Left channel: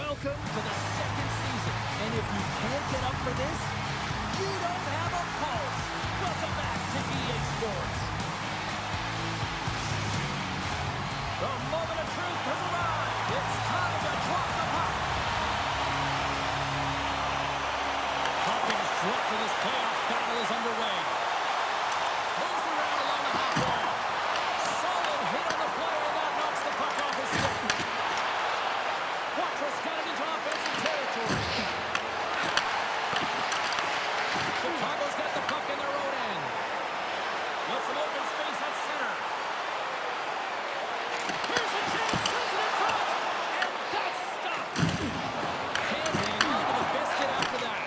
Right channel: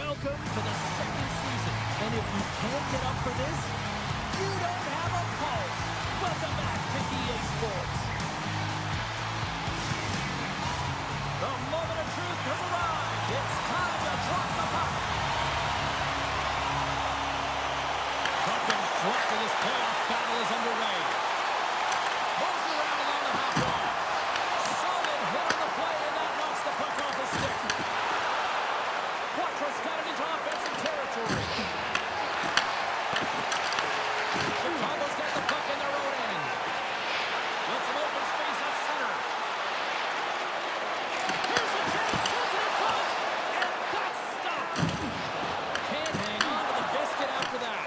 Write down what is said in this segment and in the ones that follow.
Welcome to the second season, and if you can't get up for this, you don't have a pulse. Welcome back to EA Sports. The moment of truth has arrived. It's time to drop the puck. Puck is dropped and this playoff battle is underway. Moves around along the half wall. Solid hit on the play, and that knocks the puck off his stick. Quattro's got it into offensive territory. Chicago's got the puck in their own end. Got some open space at center. Here's a chance, sends it in front, and that's stopped. Can't hang on to the biscuit after that.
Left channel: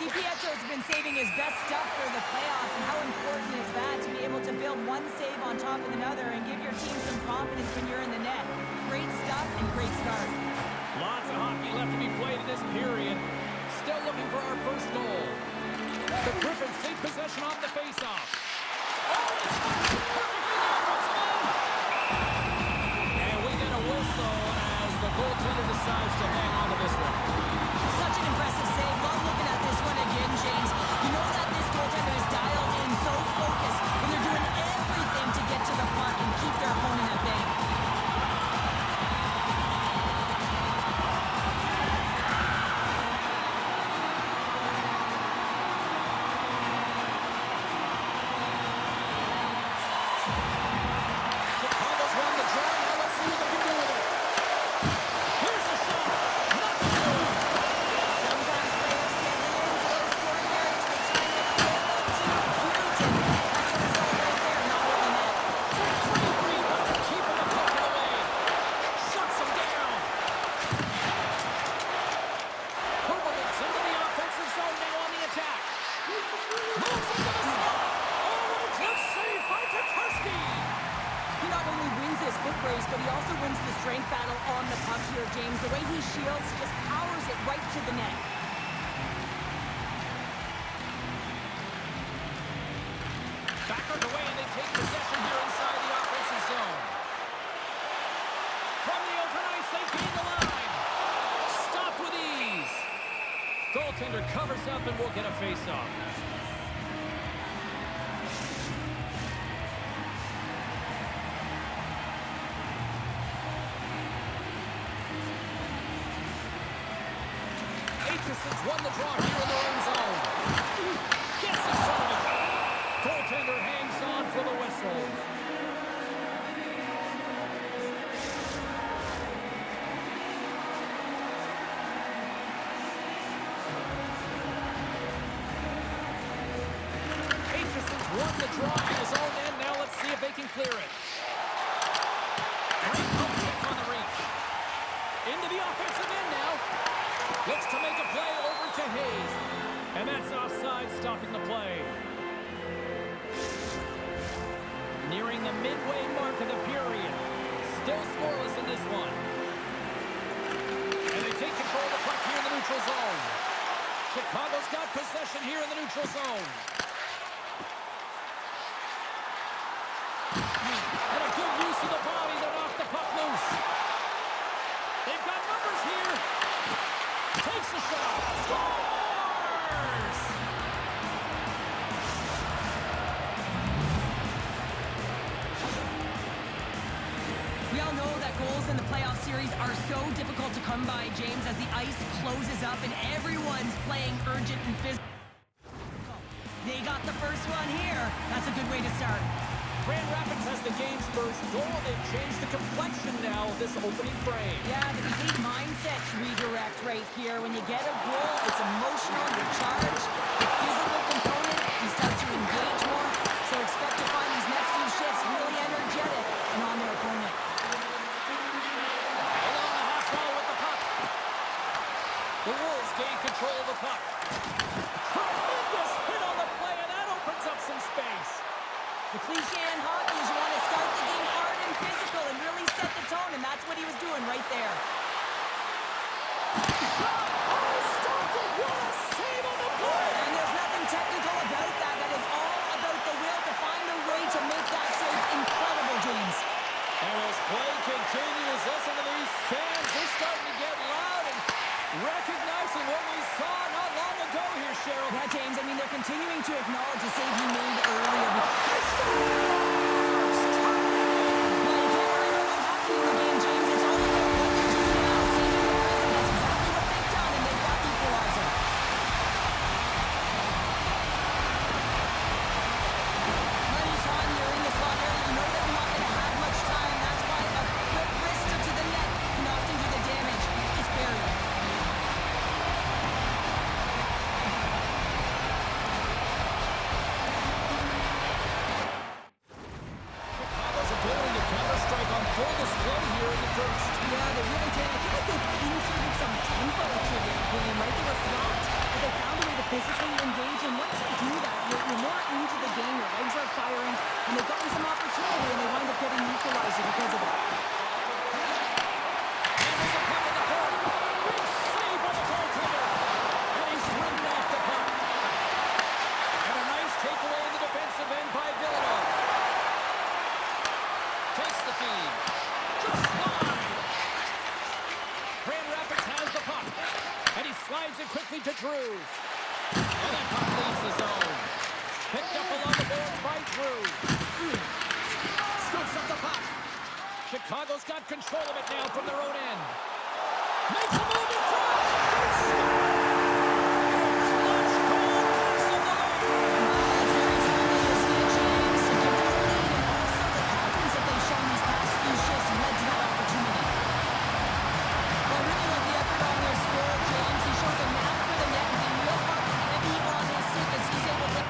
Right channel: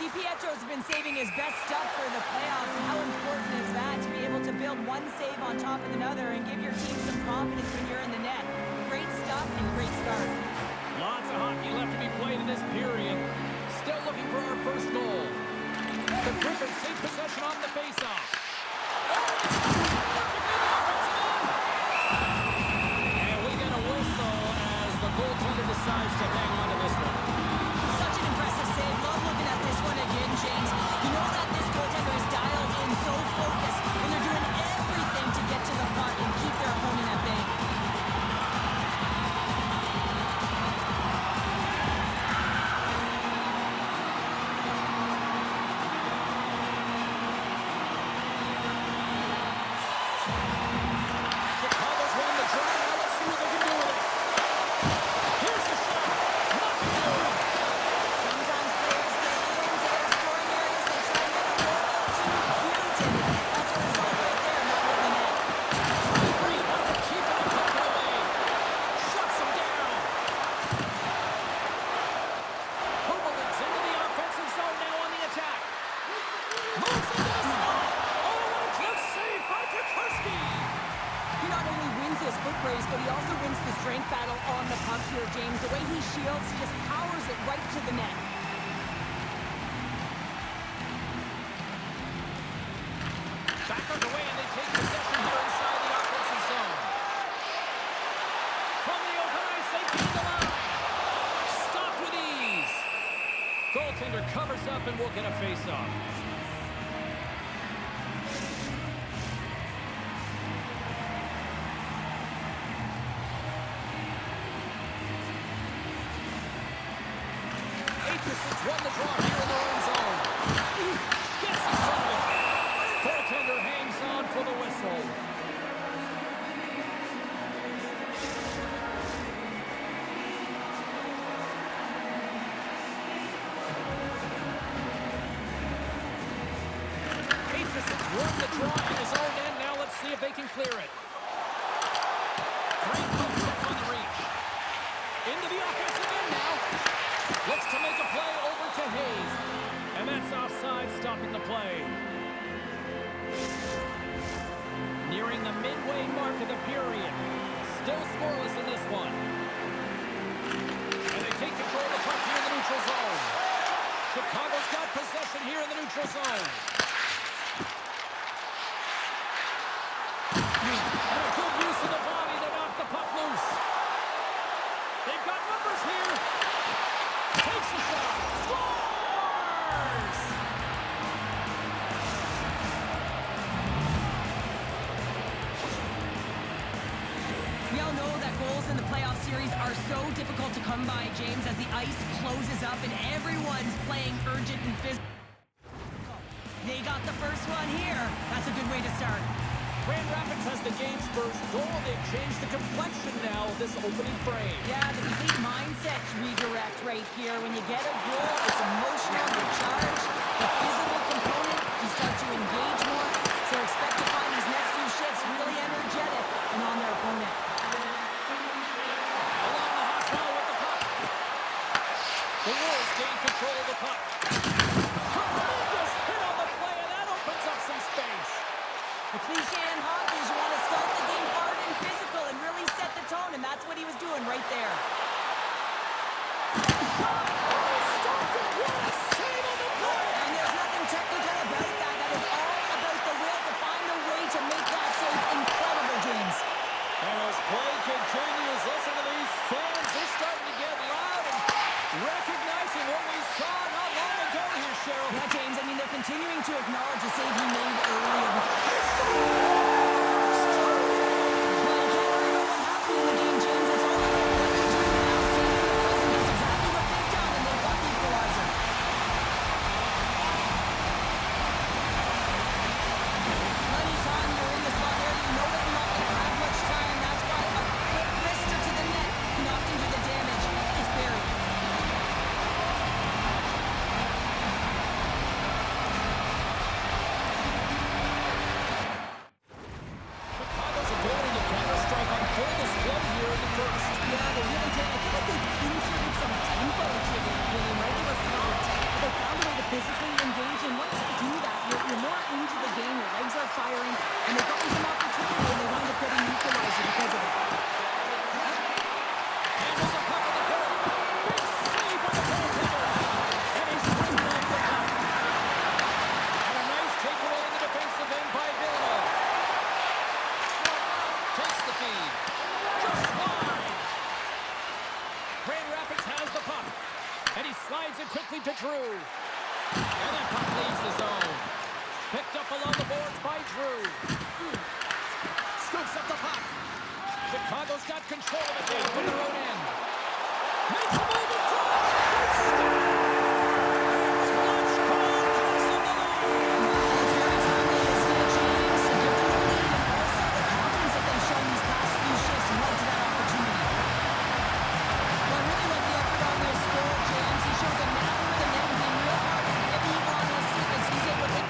DiPietro's been saving his best stuff for the playoffs, and how important is that to be able to build one save on top of another and give your team some confidence when you're in the net. Great stuff and great start. Lots of hockey left to be played in this period. Still looking for our first goal. The Griffins take possession on the faceoff. Oh, it's perfectly in the offensive end. And we get a whistle as the goaltender decides to hang on to this one. Such an impressive save. Love looking at this one again, James. You know that this goaltender is dialed in, so focused, when they're doing everything to get to the puck and keep their opponent at bay. Chicago's won the draw. Now let's see what they can do with it. Here's the shot. Nothing doing. Sometimes players get into their scoring areas. They try and get a little too cute, and that's a result right there, not hitting the net. Great read by the keeper to poke it away. Shuts him down. Kubelic's into the offensive zone now on the attack. Moves into the slot. Oh, what a close save by Tokarski. He not only wins this foot race, but he also wins the strength battle on the puck here, James. The way he shields, he just powers it right to the net. Back underway, and they take possession here inside the offensive zone. From the open ice, they gain the line. Stopped with ease. Goaltender covers up and will get a face-off. Aitchison's won the draw here in their own zone. Gets in front of it. Goaltender hangs on for the whistle. Aitchison's won the draw in his own end. Now let's see if they can clear it. Great poke check on the reach. Into the offensive end now. Looks to make a play over to Hayes. And that's offside, stopping the play. Nearing the midway mark of the period. Still scoreless in this one. And they take control of the puck here in the neutral zone. Chicago's got possession here in the neutral zone. And a good use of the body to knock the puck loose. They've got numbers here. Takes a shot. Scores! We all know that goals in the playoff series are so difficult to come by, James, as the ice closes up and everyone's playing urgent and physical. They got the first one here. That's a good way to start. Grand Rapids has the game's first goal. They've changed the complexion now of this opening frame. Yeah, the complete mindset redirect right here. When you get a goal, it's emotional, you're charged. The physical component, you start to engage more. So expect to find these next few shifts really energetic and on their opponent. Along the half wall with the puck. The Wolves gain control of the puck. Tremendous hit on the play, and that opens up some space. The cliche in hockey is you want to start the game hard and physical and really set the tone, and that's what he was doing right there. Shot! Oh, stopped it! What a save on the play! And there's nothing technical about that. That is all about the will to find a way to make that save incredible, James. And as play continues. Listen to these fans. They're starting to get loud and recognizing what we saw not long ago here, Cheryl. Yeah, James, I mean, they're continuing to acknowledge the save he made earlier. Well, you can't worry about what happened in the game, James. It's all about what you do now, staying in the present. That's exactly what they've done, and they've got the equalizer. Plenty of time you're in the slot area. You know that you're not going to have much time. That's why a quick wrister to the net can often do the damage. It's buried. Chicago's ability to counter-strike on full display here in the first. Yeah, they really did. I feel like they've inserted some tempo to their game, right? They were flat, but they found a way to physically engage, and once you do that, you're more into the game, your legs are firing, and they've gotten some opportunity, and they wind up getting the equalizer because of it. Handles the puck on the point. Big save by the goaltender. And he's ridden off the puck. And a nice takeaway in the defensive end by Villanova. Takes the feed. Just wide. Grand Rapids has the puck. And he slides it quickly to Drew. And that puck leaves the zone. Picked up along the boards by Drew. Scoops up the puck. Chicago's got control of it now from their own end. Makes a move in front. They score! It's Lutch Cole cancel the lead. It's very timely, isn't it, James? To give them the lead, and also the confidence that they've shown these past few shifts led to that opportunity. Well, I really like the effort on their score, James. He shows a knack for the net and being real hard and heavy on his stick as he's able to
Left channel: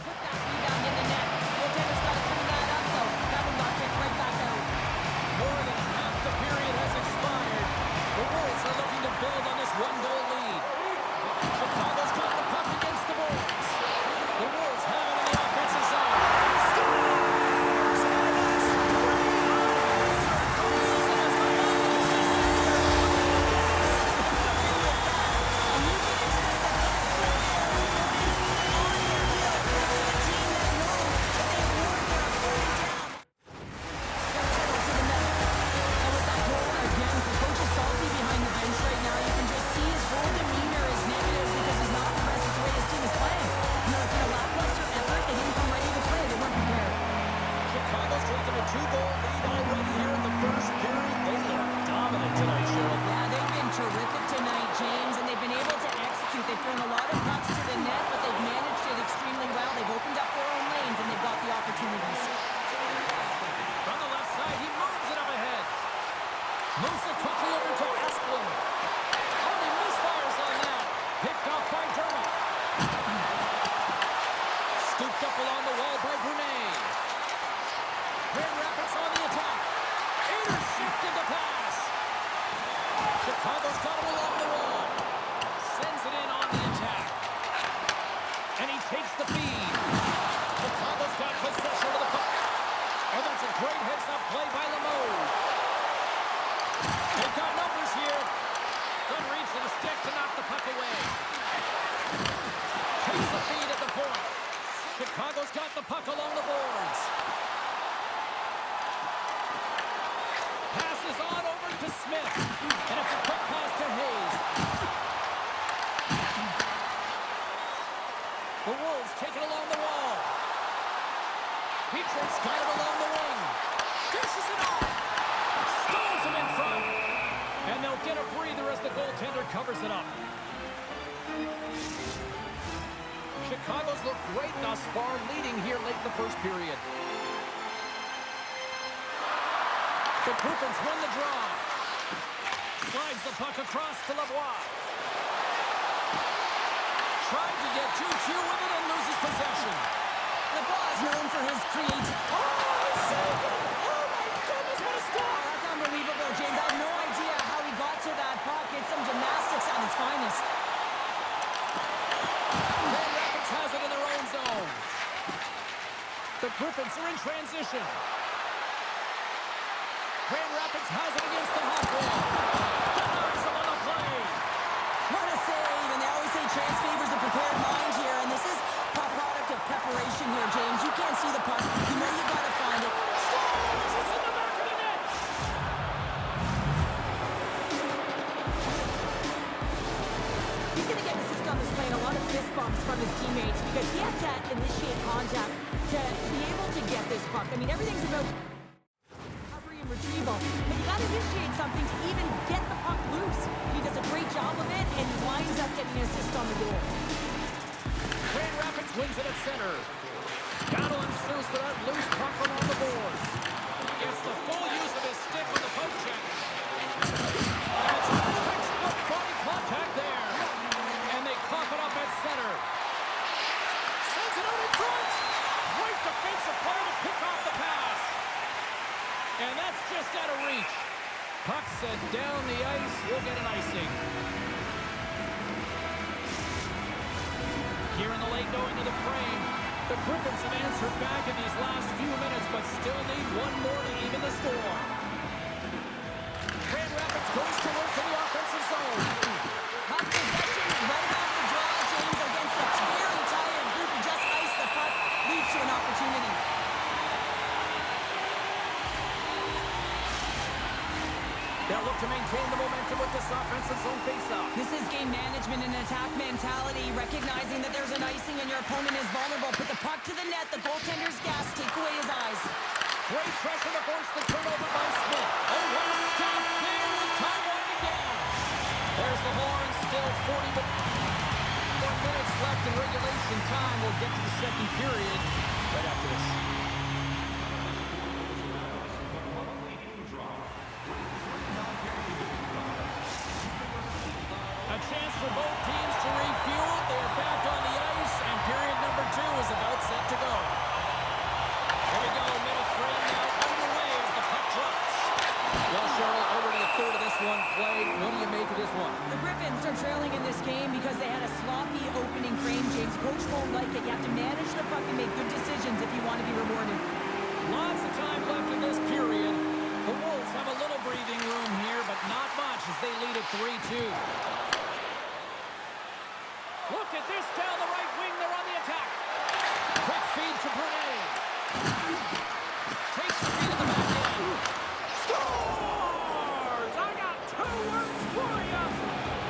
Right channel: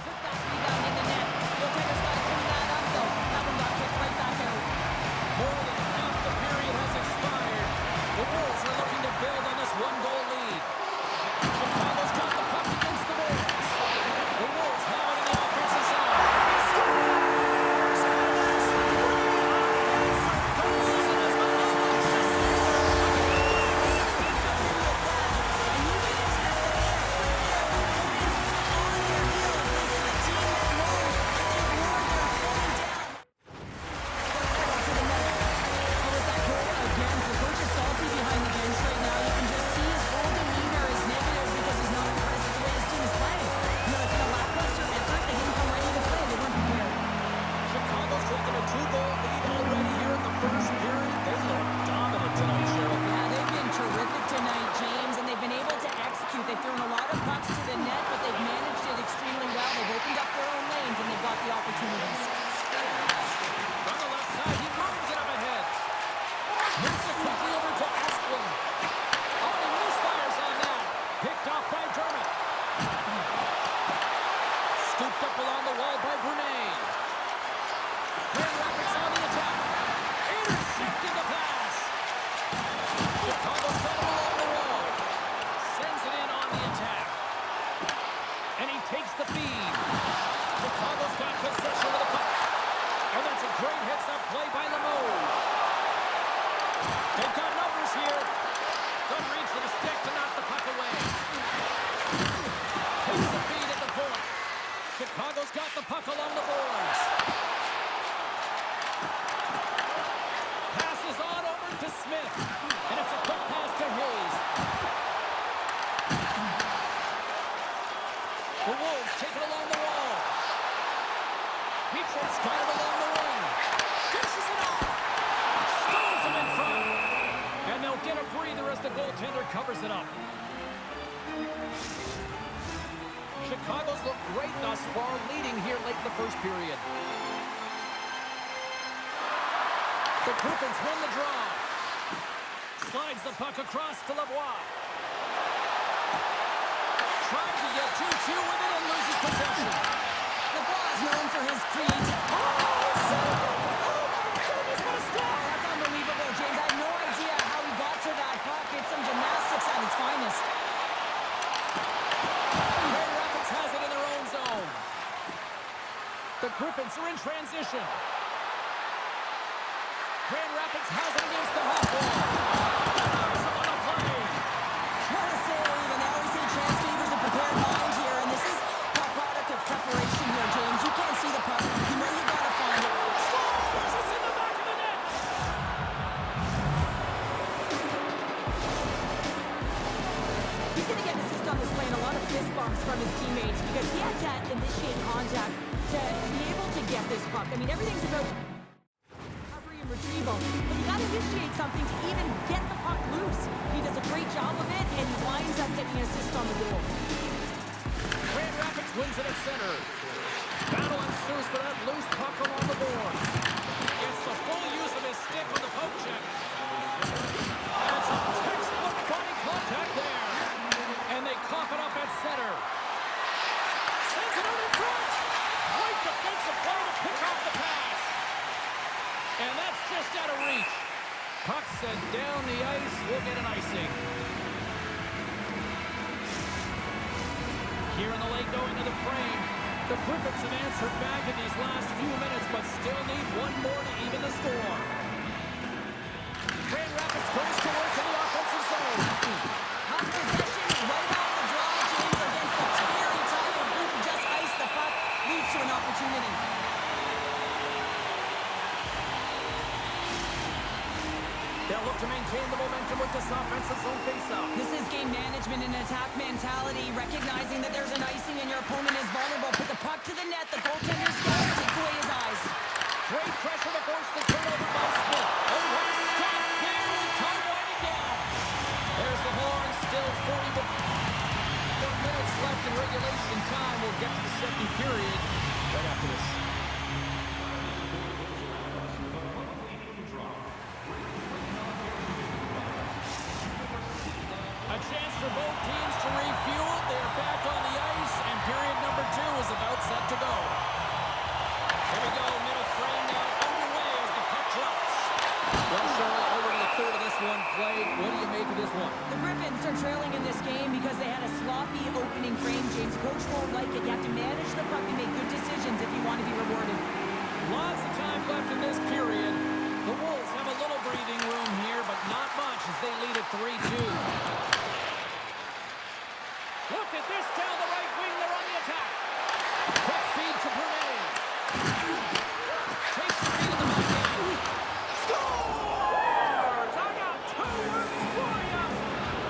put that rebound in the net. Goaltender's got to clean that up, though. That one got kicked right back out. More than half the period has expired. The Wolves are looking to build on this one-goal lead. Chicago's got the puck against the boards. The Wolves have it in the offensive zone. Scores! And that's 3 unanswered goals, and it's almost a sailor. With that, and you can expect that they have put their opponents on their heels. This is a team that knows that they've worn their opponent down. They're pedal to the metal. And with that goal again, the coach is salty behind the bench right now. You can just see his whole demeanor is negative because he's not impressed with the way his team is playing. You know, it's been a lackluster effort. They didn't come ready to play. They weren't prepared. Chicago's taken a 2-goal lead already here in the first period. They look dominant tonight, Cheryl. Yeah, they've been terrific tonight, James, and they've been able to execute. They've thrown a lot of pucks to the net, but they've managed it extremely well. They've opened up their own lanes, and they've got the opportunities. From the left side, he moves it up ahead. Moves it quickly over to Asplund. Oh, and he misfires on that. Picked off by Dermott. Scooped up along the wall by Brunet. Grand Rapids on the attack. Intercepted the pass. Chicago's got it along the wall. Sends it in on the attack. And he takes the feed. Chicago's got possession of the puck. And that's a great heads-up play by Limoges. They've got numbers here. Doesn't reach for the stick to knock the puck away. Takes the feed at the point. Chicago's got the puck along the boards. Passes on over to Smith. And it's a quick pass to Hayes. The Wolves take it along the wall. Petrus got it along the wing. Dishes it off. Stalls him in front. And they'll get a breather as the goaltender covers it up. Chicago's looked great thus far, leading here late in the first period. The Griffins win the draw. Slides the puck across to Lavoie. Tried to get 2-2 with it and loses possession. Lavoie is known for his creativity. Oh, saved it! Oh, my goodness, what a stop! That's unbelievable, James. I have no idea how he got to that puck. It's some gymnastics at its finest. Grand Rapids has it in their own zone. The Griffins are in transition. Grand Rapids has it against the half wall. Denies them on the play. What a save, and they always say chance favors a prepared mind here, and this is a product of preparation here, James. You can't see the puck. You know you gotta find it. Scores! It's in the back of the net. from his teammates because he had to initiate contact to be able to get this puck. I mean, everything's about recovery and retrieval, but you got to initiate something to even get the puck loose. He does a great job of it, and he winds up getting an assist on the goal. Grand Rapids wins it at center. Battle ensues for that loose puck along the boards. Gets the full use of his stick on the poke check. And it's a textbook body contact there. And they cough it up at center. Sends it out in front. Great defensive play to pick off the pass. And that's just out of reach. Puck sent down the ice. We'll get an icing. Here in the late going to the frame. The Griffins have answered back in these last few minutes, but still need one more to even the score. Grand Rapids goes to work in the offensive zone. Puck possession right off the draw, James, against a very tired group who just iced the puck, leads to an opportunity. They'll look to maintain the momentum with this offensive zone faceoff. This is game management and attack mentality, recognizing that there's an icing and your opponent is vulnerable. Put the puck to the net, the goaltender's gas, take away his eyes. Great pressure to force the turnover by Smith. Oh, what a stop there with time winding down. There's the horn, still 40 minutes left in regulation time. We'll get to the second period right after this. A chance for both teams to refuel. They're back on the ice, and period number 2 is about set to go. Here we go, middle frame now underway as the puck drops. Well, Cheryl, over to the third of this one played. What do you make of this one? The Griffins are trailing in this game because they had a sloppy opening frame, James. Coach won't like it. You have to manage the puck and make good decisions if you want to be rewarded. Lots of time left in this period. The Wolves have a little breathing room here, but not much as they lead at 3-2. Look at this down the right wing. They're on the attack. Quick feed to Brunet. Takes the feed in the back end. Scores! I got 2 words for you.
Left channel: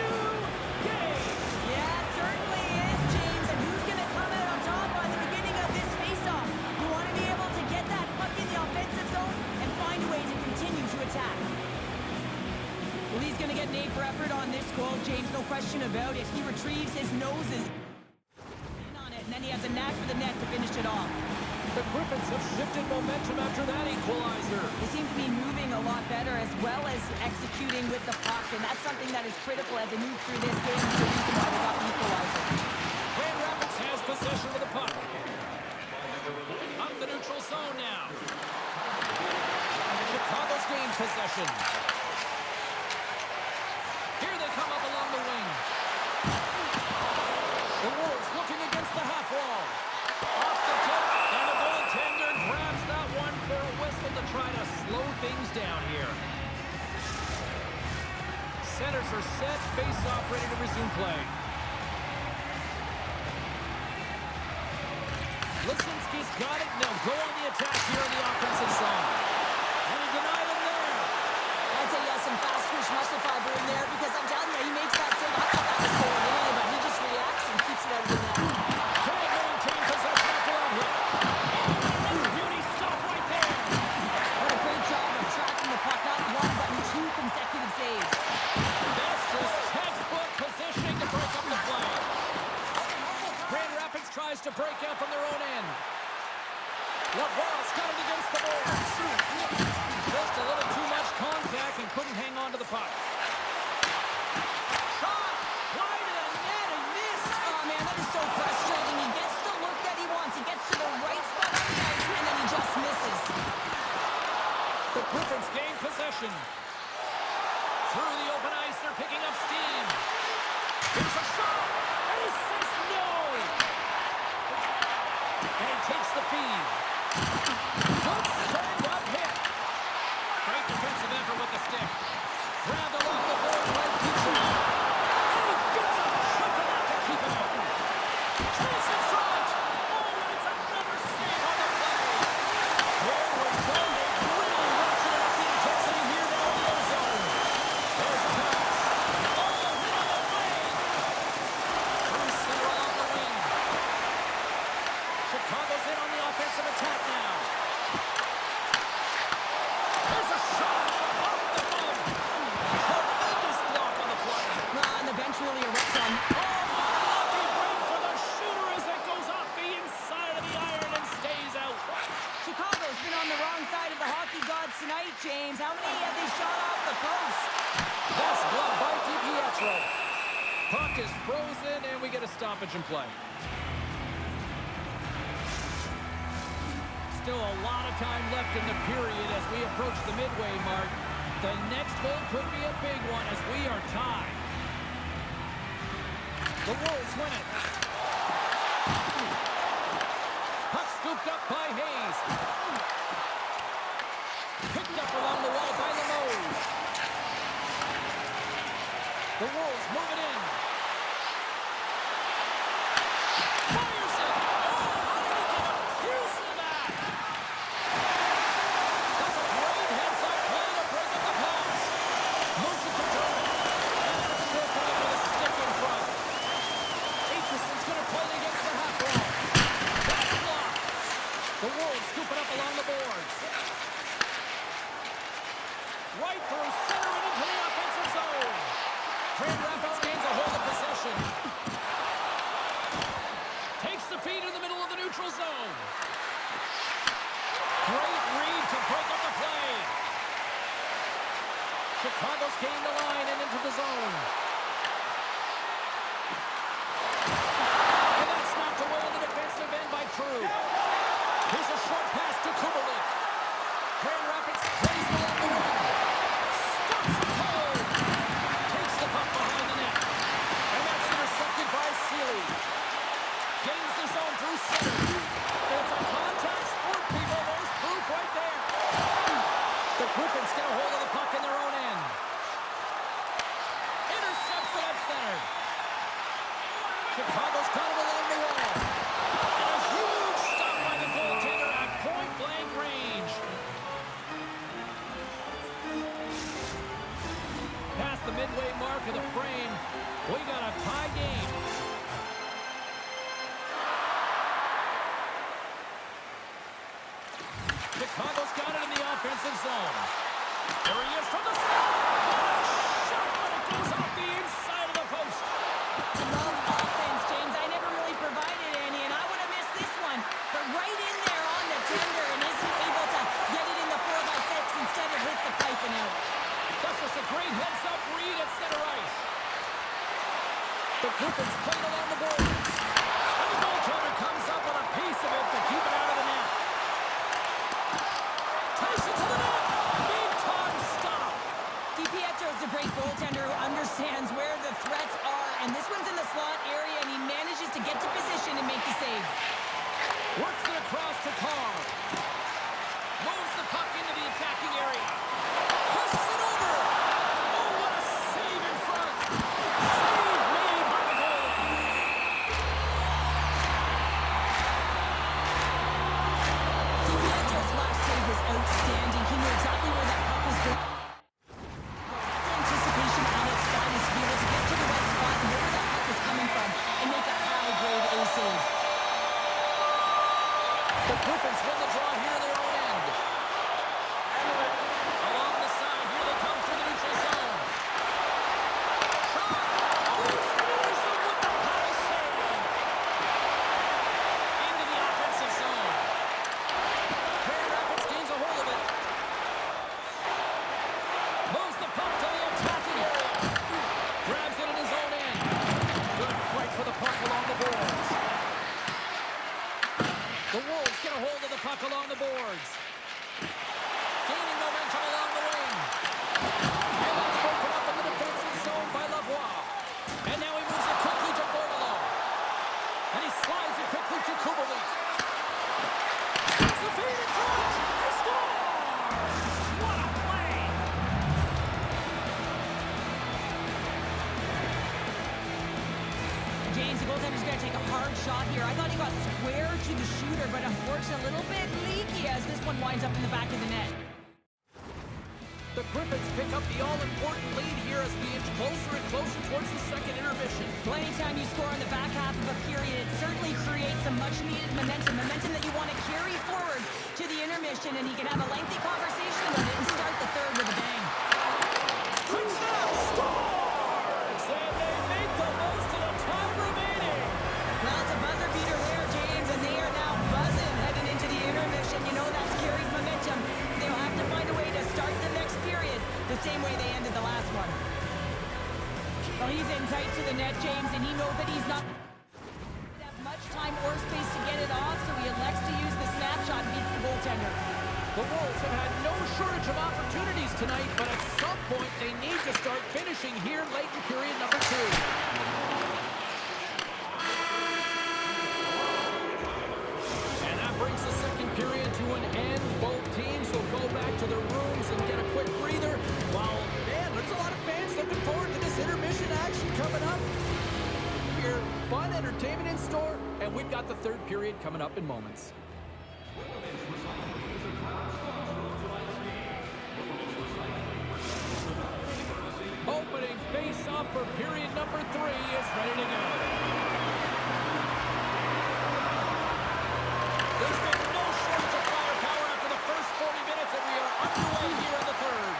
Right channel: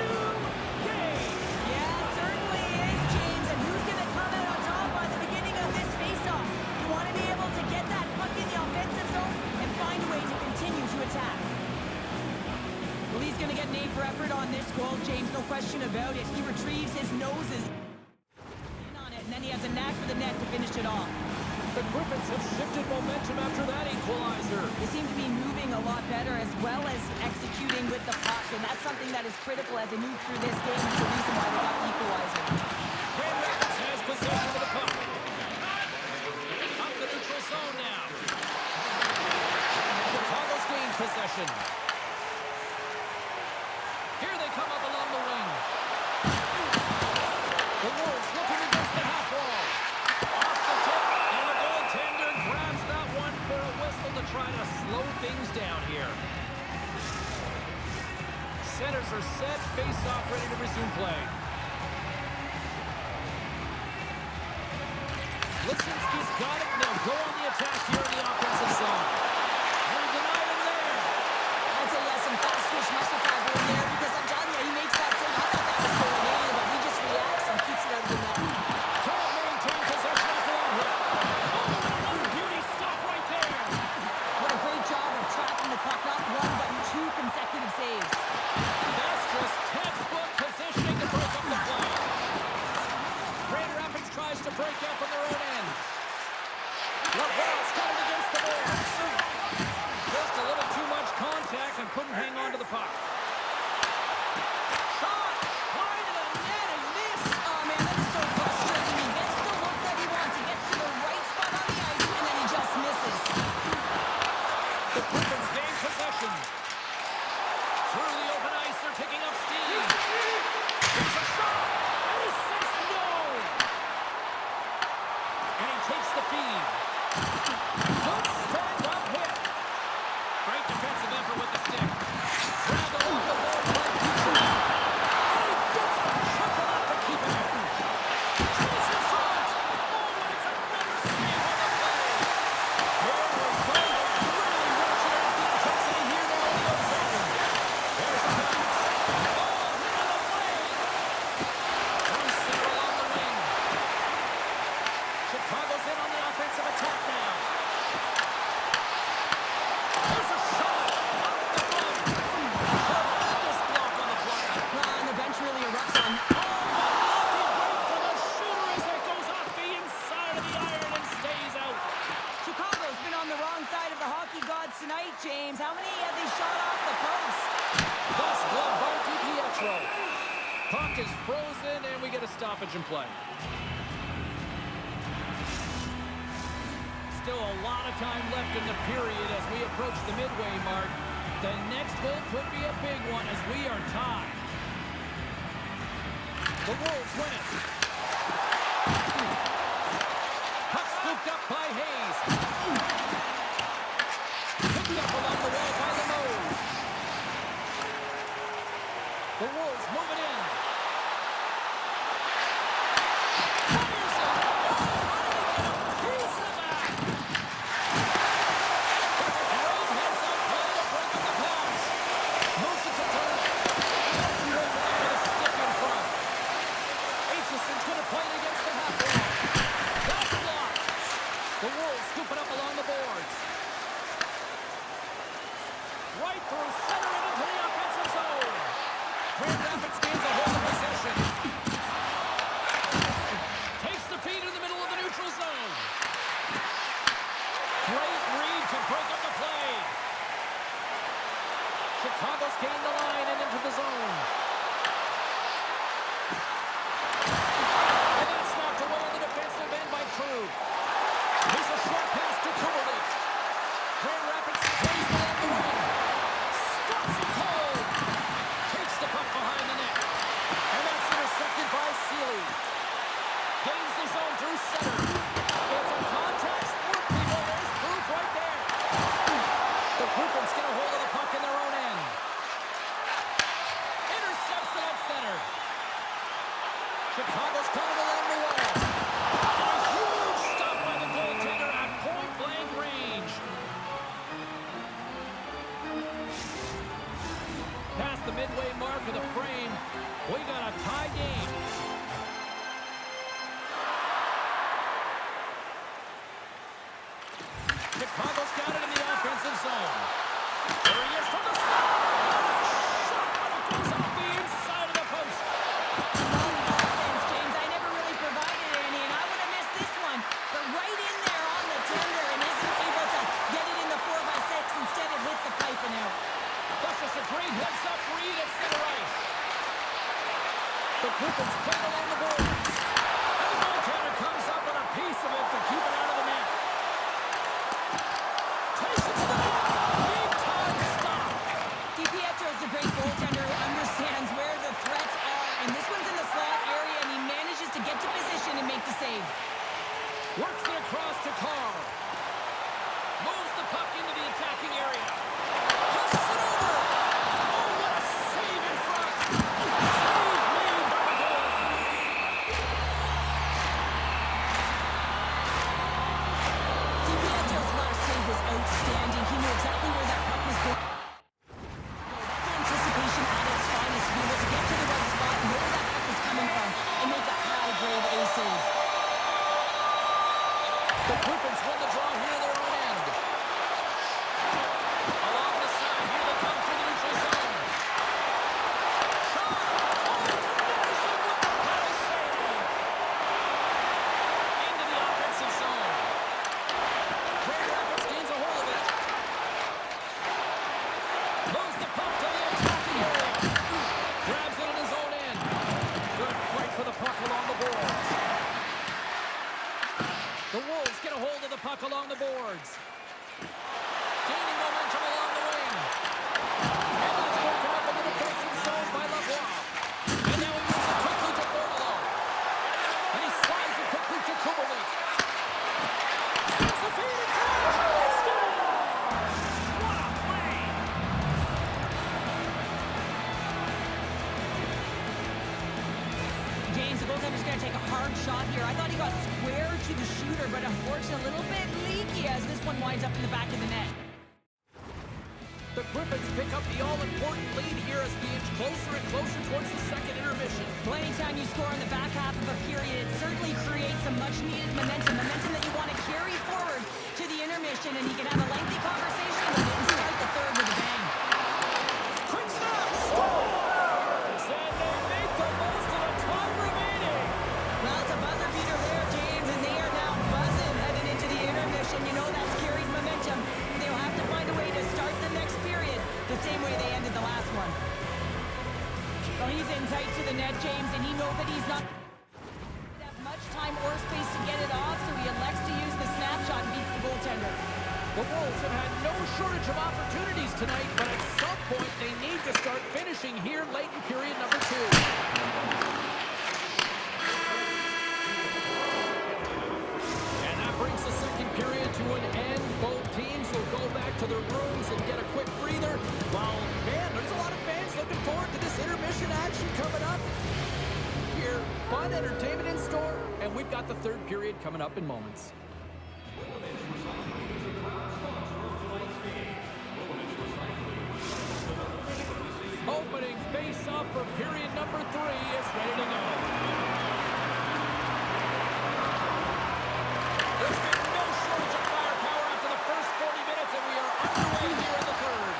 New game. Yeah, it certainly is, James. And who's going to come out on top by the beginning of this faceoff? You want to be able to get that puck in the offensive zone and find a way to continue to attack. Well, he's going to get an A for effort on this goal, James, no question about it. He retrieves his noses in on it, and then he has a knack for the net to finish it off. The Griffins have shifted momentum after that equalizer. They seem to be moving a lot better as well as executing with the puck, and that's something that is critical as they move through this game. It's the reason why they got the equalizer. Grand Rapids has possession of the puck. Up the neutral zone now. Chicago's gained possession. Here they come up along the wing. The Wolves looking against the half wall. Off the tip, and the goaltender grabs that one for a whistle to try to slow things down here. Centers are set, face-off ready to resume play. Lisinski's got it. They'll go on the attack here in the offensive zone. And he denied him there. I'd say he has some fast twitch muscle fiber in there because I'm telling you, he makes that save. I thought that was going in, but he just reacts and keeps it out of the net. Can't maintain possession after that hit. Oh, and another beauty stop right there. What a great job of tracking the puck. Not 1, but 2 consecutive saves. That's just textbook positioning to break up the play. Grand Rapids tries to break out from their own end. LaValle's got it against the boards. Just a little too much contact and couldn't hang on to the puck. Shot! Wide to the net and missed! Oh, man, that is so frustrating. He gets the look that he wants. He gets to the right spot on the ice, and then he just misses. The Griffins gain possession. Through the open ice, they're picking up steam. Here's a shot! And he says no! And he takes the feed. Good stand-up hit. Great defensive effort with the stick. Grabbed along the board by Petrie. And he gets a chunk of that to keep it out. Chase in front. Oh, and it's another save on the play. Here we go. They've really ratcheted up the intensity here now in the ozone. There's a pass. Oh, hit on the wing. Through center along the wing. side of the hockey gods tonight, James. How many have they shot off the post? Thus gloved by DiPietro. Puck is frozen, and we get a stoppage in play. Still a lot of time left in the period as we approach the midway mark. The next goal could be a big one as we are tied. The Wolves win it. Puck scooped up by Hayes. Picked up along the wall by Lemos. The Wolves move it in. Fires it. Oh, how did he get a piece of that? That's a great heads-up play to break up the pass. Moves it to Turner. And it's broken up with a stick in front. Aitchison's going to play it against the half wall. That's blocked. The Wolves scoop it up along the boards. Right through center and into the offensive zone. Grand Rapids gains a hold of possession. Takes the feed in the middle of the neutral zone. Great read to break up the play. Chicago's gained the line and into the zone. And that's knocked away in the defensive end by Krug. Here's a short pass to Kubalik. Grand Rapids plays along the wing. Stops it cold. Takes the puck behind the net. And that's intercepted by Seeley. Gains the zone through center. It's a contact sport, people. There's proof right there. The Griffins get a hold of the puck in their own end. Intercepts it at center. Chicago's got it along the wall. And a huge stop by the goaltender at point-blank range. Past the midway mark of the frame, we got a tie game. Chicago's got it in the offensive zone. There he is from the slot. What a shot, but it goes off the inside of the post. Love offense, James. I never really provided any, and I would have missed this one. But right in there on the tender and isn't able to get it in the 4x6. Instead, it hits the pipe and out. That's just a great heads-up read at center ice. The Griffins played along the boards. And the goaltender comes up with a piece of it to keep it out of the net. Takes it to the net. Big-time stop. DiPietro's a great goaltender who understands where the threats are, and this one's in the slot area, and he manages to get to position and make the save. Works it across to Carr. Moves the puck into the attacking area. Pushes it over. Oh, what a save in front. Save made by the goalie. DiPietro's last save was outstanding. He knew exactly where that puck was going. That's anticipation at its finest, to be able to get to the right spot, know where that puck was coming from, and make a high-grade A save. The Griffins win the draw here in their own end. Along the side, here they come through the neutral zone. Shaw! Oh, denies him with the paddle save! Into the offensive zone. Grand Rapids gains a hold of it. Moves the puck to the attacking area. Grabs it in his own end. Good fight for the puck along the boards. The Wolves get a hold of the puck along the boards. Gaining momentum along the wing. And that's broken up in the defensive zone by Lavoie. And now he moves it quickly to Bordelot. And he slides it quickly to Kubalik. Sends the feed in front. He scores! What a play! James, the goaltender's going to take a hard shot here. I thought he got square to the shooter, but unfortunately a little bit leaky as this one winds up in the back of the net. The Griffins pick up the all-important lead here as we inch closer and closer towards the second intermission. Well, anytime you score in the back half of a period, it certainly creates some much-needed momentum that you want to carry forward to the intermission, and you can have a lengthy conversation with it and start the third with a bang. Quick snap! Scores! And they make the most of the time remaining. Well, it's a buzzer beater there, James, and they are now buzzing heading into the intermission. You know that's carried momentum. They the same way they ended the last one. Well, he's in tight to the net, James, and he knows that he's not have much time or space to get it off, so he elects to use the snapshot and beats the goaltender. The Wolves have had no shortage of opportunities tonight, but at some point they need to start finishing here late in period number 2. And that brings the second period to an end. Both teams will go back to their rooms and get a quick breather. While, man, there's a lot of fans looking forward to this intermission action coming up. Here, fun entertainment in store, and we've got the third period coming up in moments. Opening face-off for period number 3 is ready to go. There's been no shortage of firepower after the first 40 minutes, and we are underway here in the third.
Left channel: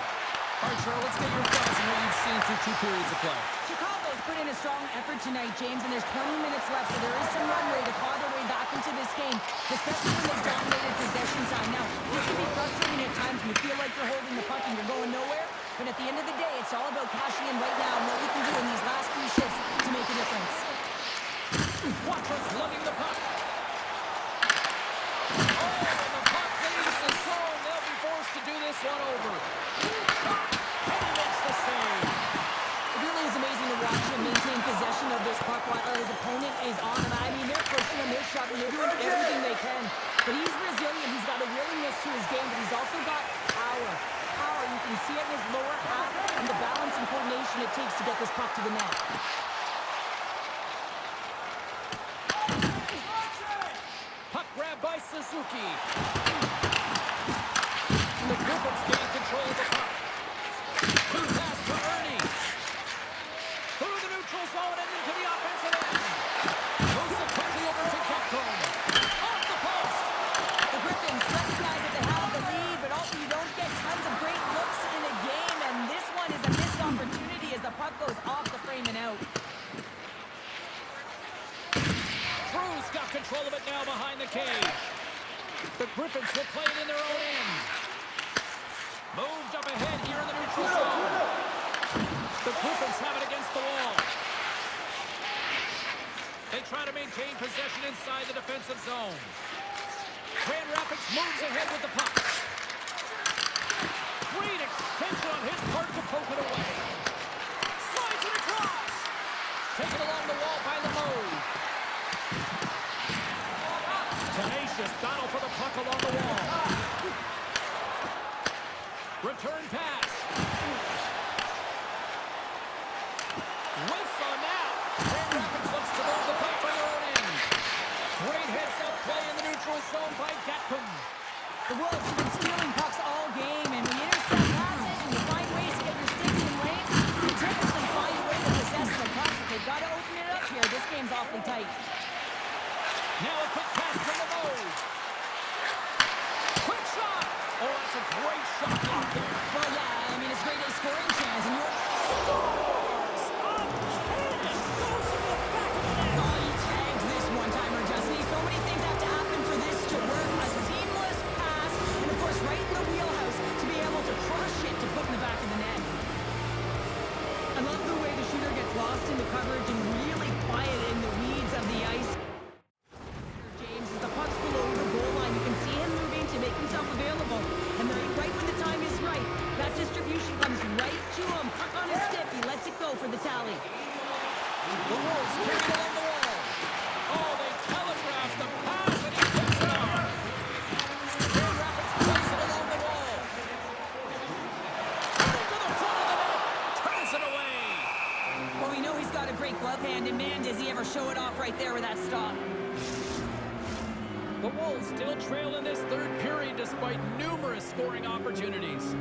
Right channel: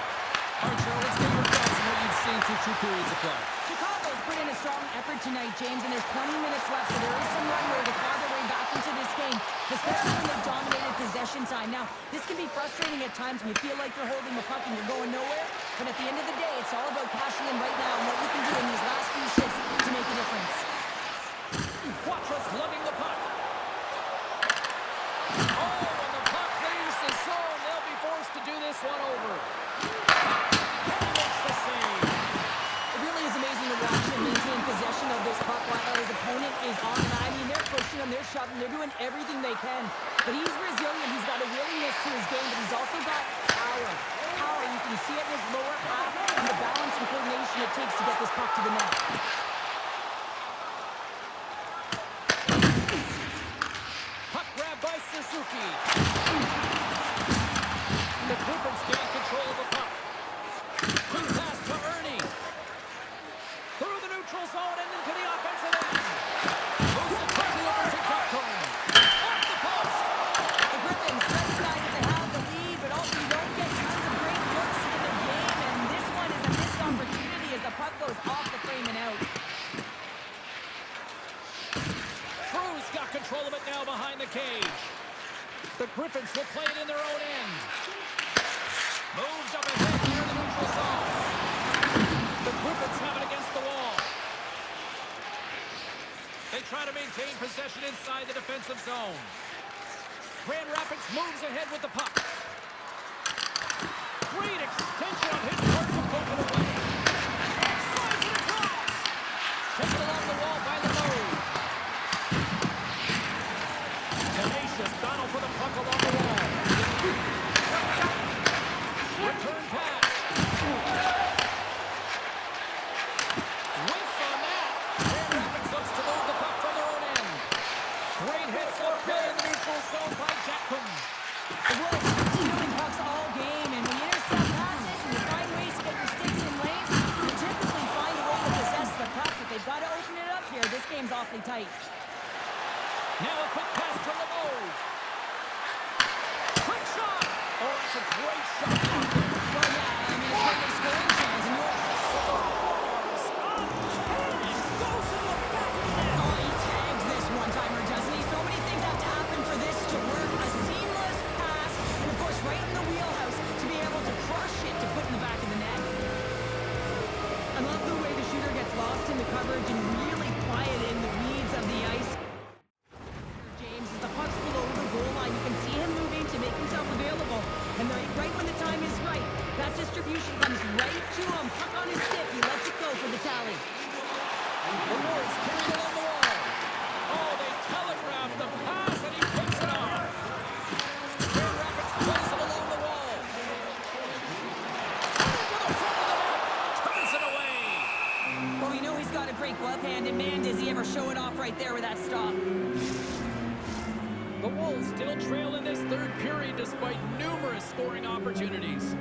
All right, Cheryl, let's get your thoughts on what you've seen through 2 periods of play. Chicago's put in a strong effort tonight, James, and there's 20 minutes left, so there is some runway to claw their way back into this game, especially when they've dominated possession time. Now, this can be frustrating at times when you feel like you're holding the puck and you're going nowhere, but at the end of the day, it's all about cashing in right now and what you can do in these last few shifts to make a difference. Quattro's lugging the puck. Oh, and the puck leaves the zone. They'll be forced to do this one over. And he makes the save. It really is amazing to watch him maintain possession of this puck while his opponent is on him. I mean, they're pushing him, they're shoving, they're doing everything they can. But he's resilient, he's got a willingness to his game, but he's also got power. Power, you can see it in his lower half and the balance and coordination it takes to get this puck to the net. Puck grab by Suzuki. The Griffins gain control of the puck. Quick pass to Ernie. Through the neutral zone and into the offensive end. Moves it quickly over to Capcom. Off the post. The Griffins recognize that they have the lead, but also you don't get tons of great looks in a game, and this one is a missed opportunity as the puck goes off the frame and out. Cruz got control of it now behind the cage. The Griffins will play it in their own end. Moves up ahead here in the neutral zone. The Griffins have it against the wall. They try to maintain possession inside the defensive zone. Grand Rapids moves ahead with the puck. Great extension on his part to poke it away. Slides it across. Taken along the wall by Lemoe. Tenacious battle for the puck along the wall. Return pass. Whiffs on that. Grand Rapids looks to move the puck from their own end. Great heads-up play in the neutral zone by Gatcomb. The Wolves have been stealing pucks all game, and when you intercept passes and you find ways to get your sticks in lanes, you typically find a way to possess the puck, but they've got to open it up here. This game's awfully tight. Now a quick pass from Lemoe. Quick shot. Oh, that's a great shot block there. Well, yeah, I mean, it's great a scoring chance, and you're... Scores! On tennis! Goes to the back of the net! Oh, he tags this one-timer, doesn't he? So many things have to happen for this to work. A seamless pass, and of course, right in the wheelhouse to be able to crush it to put in the back of the net. I love the way the shooter gets lost in the coverage and really quiet in the weeds of the ice. James, as the puck's below the goal line, you can see him moving to make himself available. And right when the time is right, that distribution comes right to him. Puck on his stick, he lets it go for the tally. The Wolves carry it along the wall. Oh, they telegraph the pass, and he picks it off. Grand Rapids plays it along the wall. Coming to the front of the net. Turns it away. Well, we know he's got a great glove hand, and man, does he ever show it off right there with that stop. The Wolves still trail in this third period despite numerous scoring opportunities.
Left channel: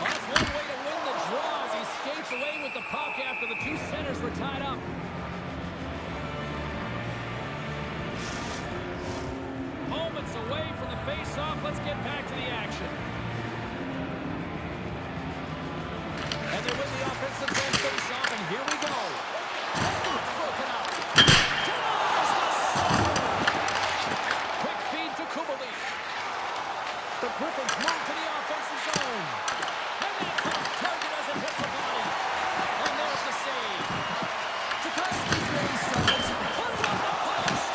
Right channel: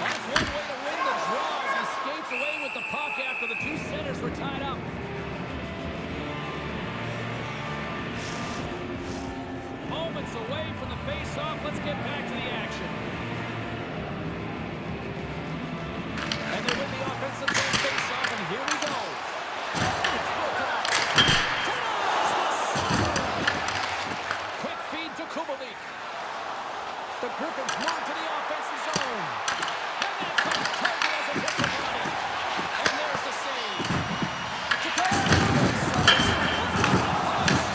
Well, that's one way to win the draw as he skates away with the puck after the two centers were tied up. Moments away from the face-off. Let's get back to the action. And they win the offensive zone face-off, and here we go. It's broken up. Denies the slapper. Quick feed to Kubalik. The Griffins move to the offensive zone. And that's off target as it hits the body. And there's the save. Tchaikovsky's really struggled to Put it on the post.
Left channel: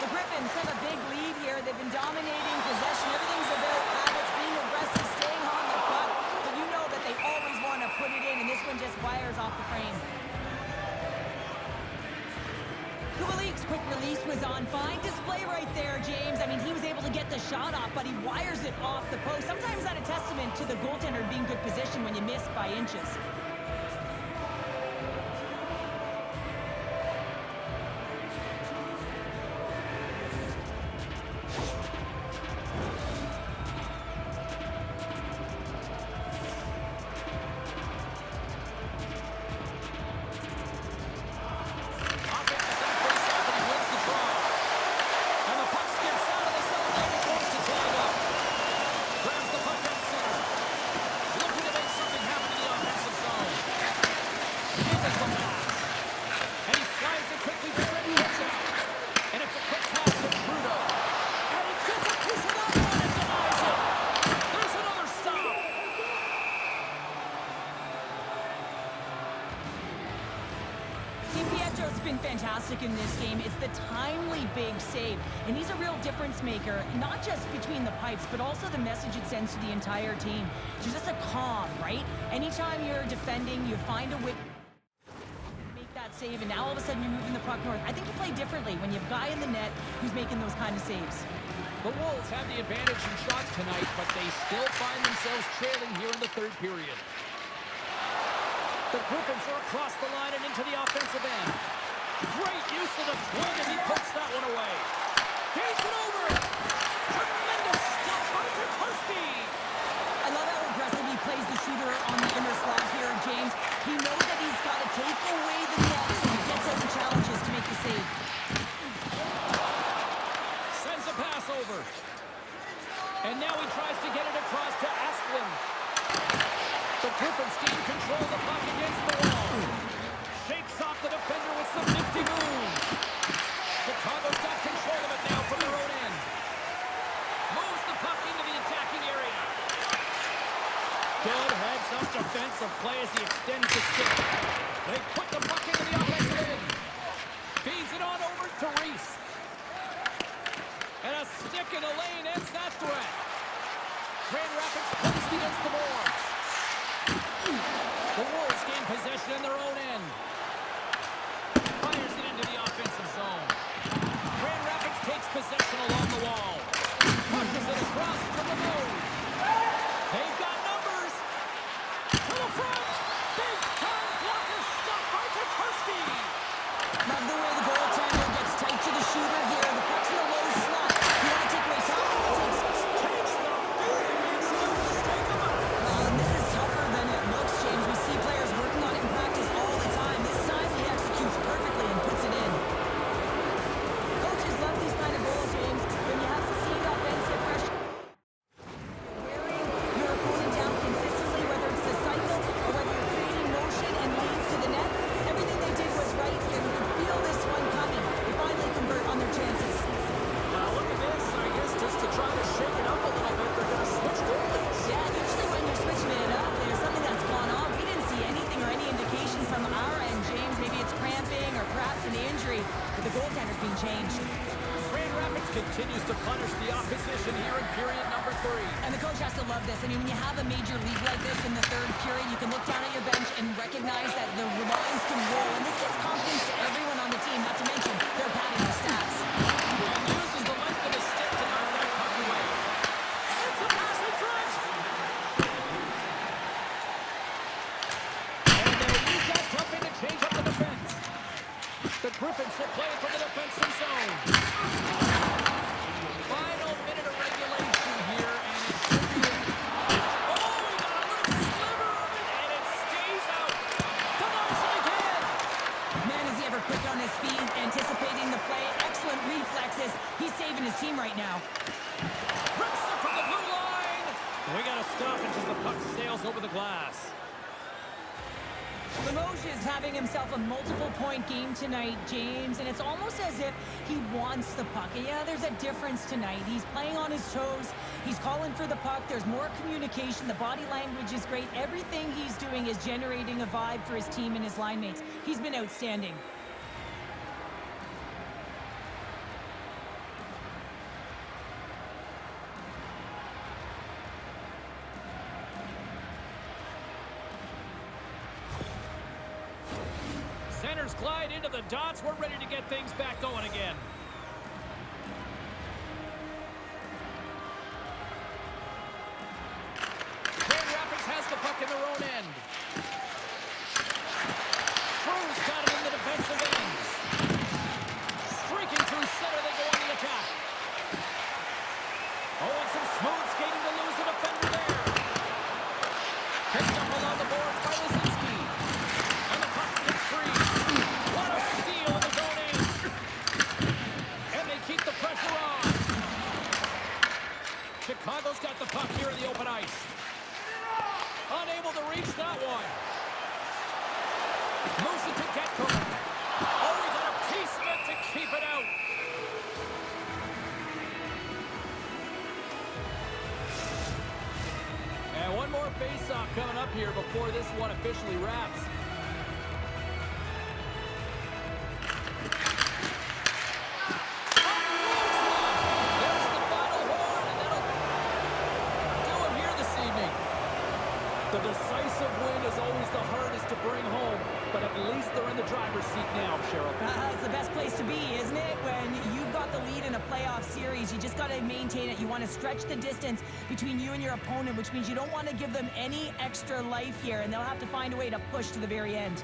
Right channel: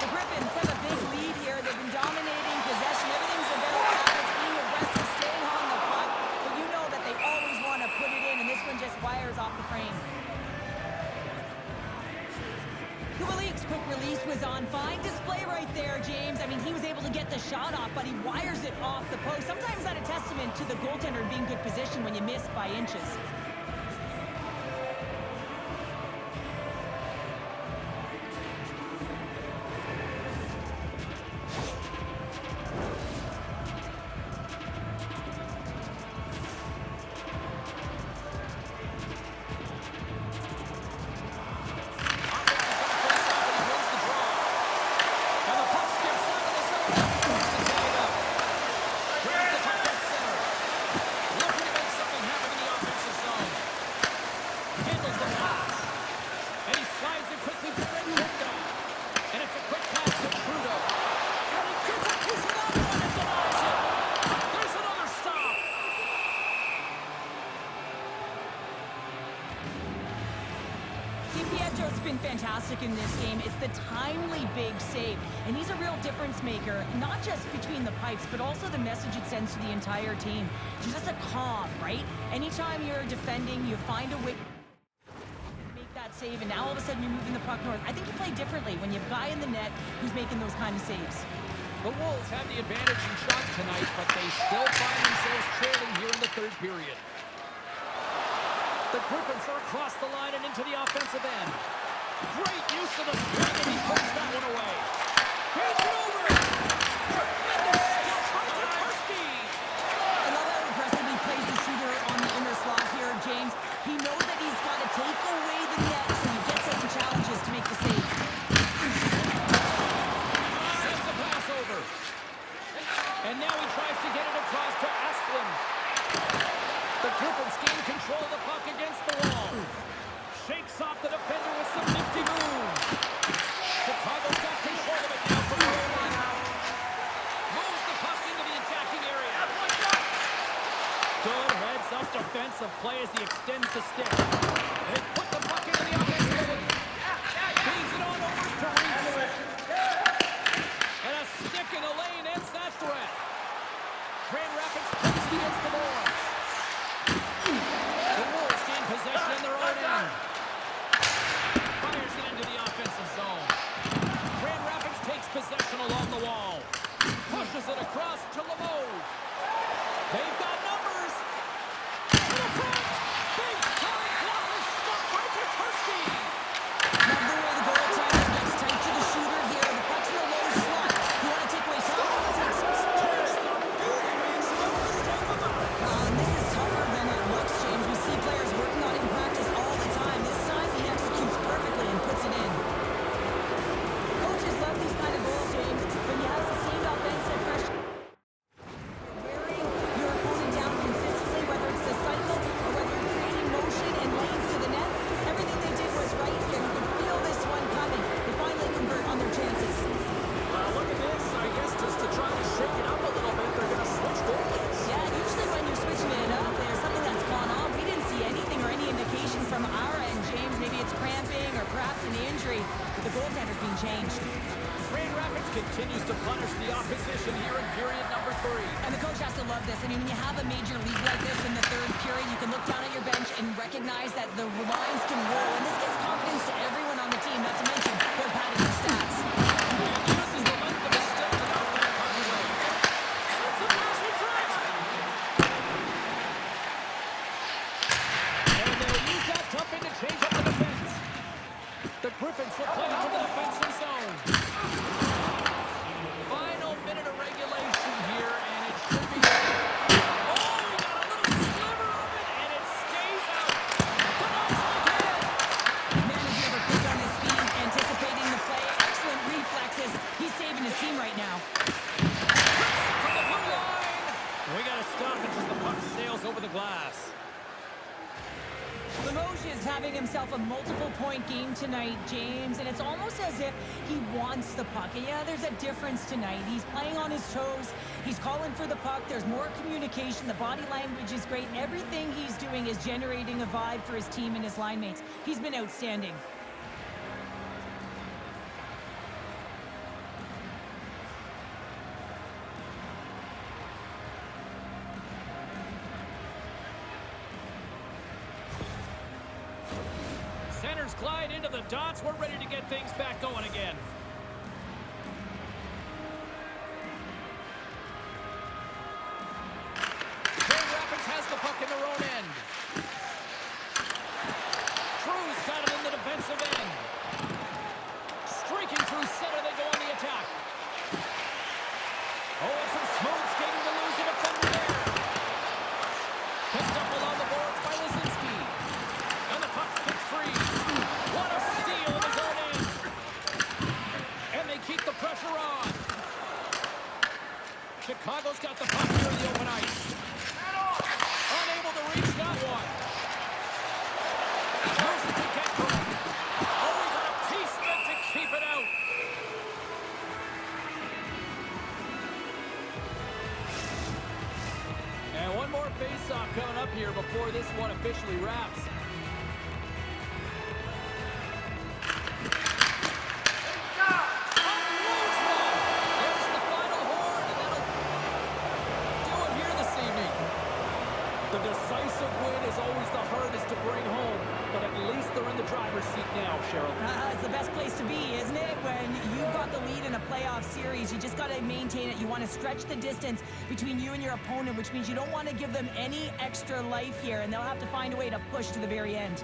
The Griffins have a big lead here. They've been dominating possession. Everything's about habits, being aggressive, staying on the puck. But you know that they always want to put it in, and this one just wires off the frame. Kubalik's quick release was on. Fine display right there, James. I mean, he was able to get the shot off, but he wires it off the post. Sometimes that's a testament to the goaltender being good position when you miss by inches. Pietro's been fantastic in this game. It's the timely big save, and he's a real difference maker, not just between the pipes, but also the message it sends to the entire team. It's just a calm, right? Anytime you're defending, you find a way to make that save, and now all of a sudden you're moving the puck north. I think you play differently when you have a guy in the net who's making those kind of saves. The Wolves have the advantage in shots tonight, but they still find themselves trailing here in the third period. The Griffins are across the line and into the offensive end. Great use of the swing, and he puts that one away. He's it over. Tremendous stop by Tchaikovsky. I love how aggressive he plays the shooter on the inner slot here, James. He knows that he's got to take away the net, so he gets out and challenges to make the save. Sends a pass over. And now he tries to get it across to Asplund. The Griffins gain control of the puck against the wall. Shakes off the defender with some nifty moves. Chicago's got control of it now from their own end. Moves the puck into the attacking area. Good heads-up defensive play as he extends the stick. They put the puck into the offensive end. Feeds it on over to Reese. And a stick in the lane ends that threat. Grand Rapids plays it against the Wolves. The Wolves gain possession in their own end. Fires it into the offensive zone. Grand Rapids takes possession along the wall. Pushes it across to Lemose. They've got numbers. To the front. Big time blocker stop by Tchaikovsky. Love the way the goaltender gets tight to the shooter here. The puck's in the low slot. You want to take away time? Takes the beauty makes no mistake about it. This is tougher than it looks, James. We see players working on it in practice all the time. This time, he executes perfectly and puts it in. Coaches love these kind of goals, James. When you have sustained offensive pressure, you're wearing your opponent down consistently, whether it's the cycle or whether you're creating motion and lanes to the net. Everything they did was right here. You could feel this one coming. They finally convert on their chances. Well, look at this. I guess just to try to shake it up a little bit, they're going to switch goalies. Yeah, usually when you're switching it up, there's something that's gone on. We didn't see anything or any indication from our end, James. Maybe it's cramping or perhaps an injury, but the goaltender's being changed. Grand Rapids continues to punish the opposition here in period number 3. And the coach has to love this. I mean, when you have a major league like this in the third period, you can look down at your bench and recognize that the lines can roll. And this gives confidence to everyone on the team, not to mention they're padding their stats. He uses the length of his stick to knock that puck away. Sends a pass in front. And they'll use that dump in to change up the defense. The Griffins will play it from the defensive zone. Final minute of regulation here, and it should be it. Oh, he got a little sliver of it, and it stays out. Denies it again. Man, is he ever quick on his feet, anticipating the play. Excellent reflexes. He's saving his team right now. Rips it from the blue line. We got to stop it as the puck sails over the glass. Limoges is having himself a multiple-point game tonight, James, and it's almost as if he wants the puck. And yeah, there's a difference tonight. He's playing on his toes. He's calling for the puck. There's more communication. The body language is great. Everything he's doing is generating a vibe for his team and his line mates. He's been outstanding. Centers glide into the dots. We're ready to get things back going again. Grand Rapids has the puck in their own end. Cruz got it in the defensive end. Streaking through center, they go on the attack. Oh, and some smooth skating to lose a defender there. Picked up along the boards by Lazinski. And the puck's kicked free. What a steal in his own end. And they keep the pressure on. Chicago's got the puck here in the open ice. Unable to reach that one. Moves it to Getko. Oh, he got a piece of it to keep it out. And one more face-off coming up here before this one officially wraps. Unloads one. There's the final horn, and that'll do it here this evening. The decisive win is always the hardest to bring home, but at least they're in the driver's seat now, Cheryl. It's the best place to be, isn't it? When you've got the lead in a playoff series, you just got to maintain it. You want to stretch the distance between you and your opponent, which means you don't want to give them any extra life here, and they'll have to find a way to push to the very end.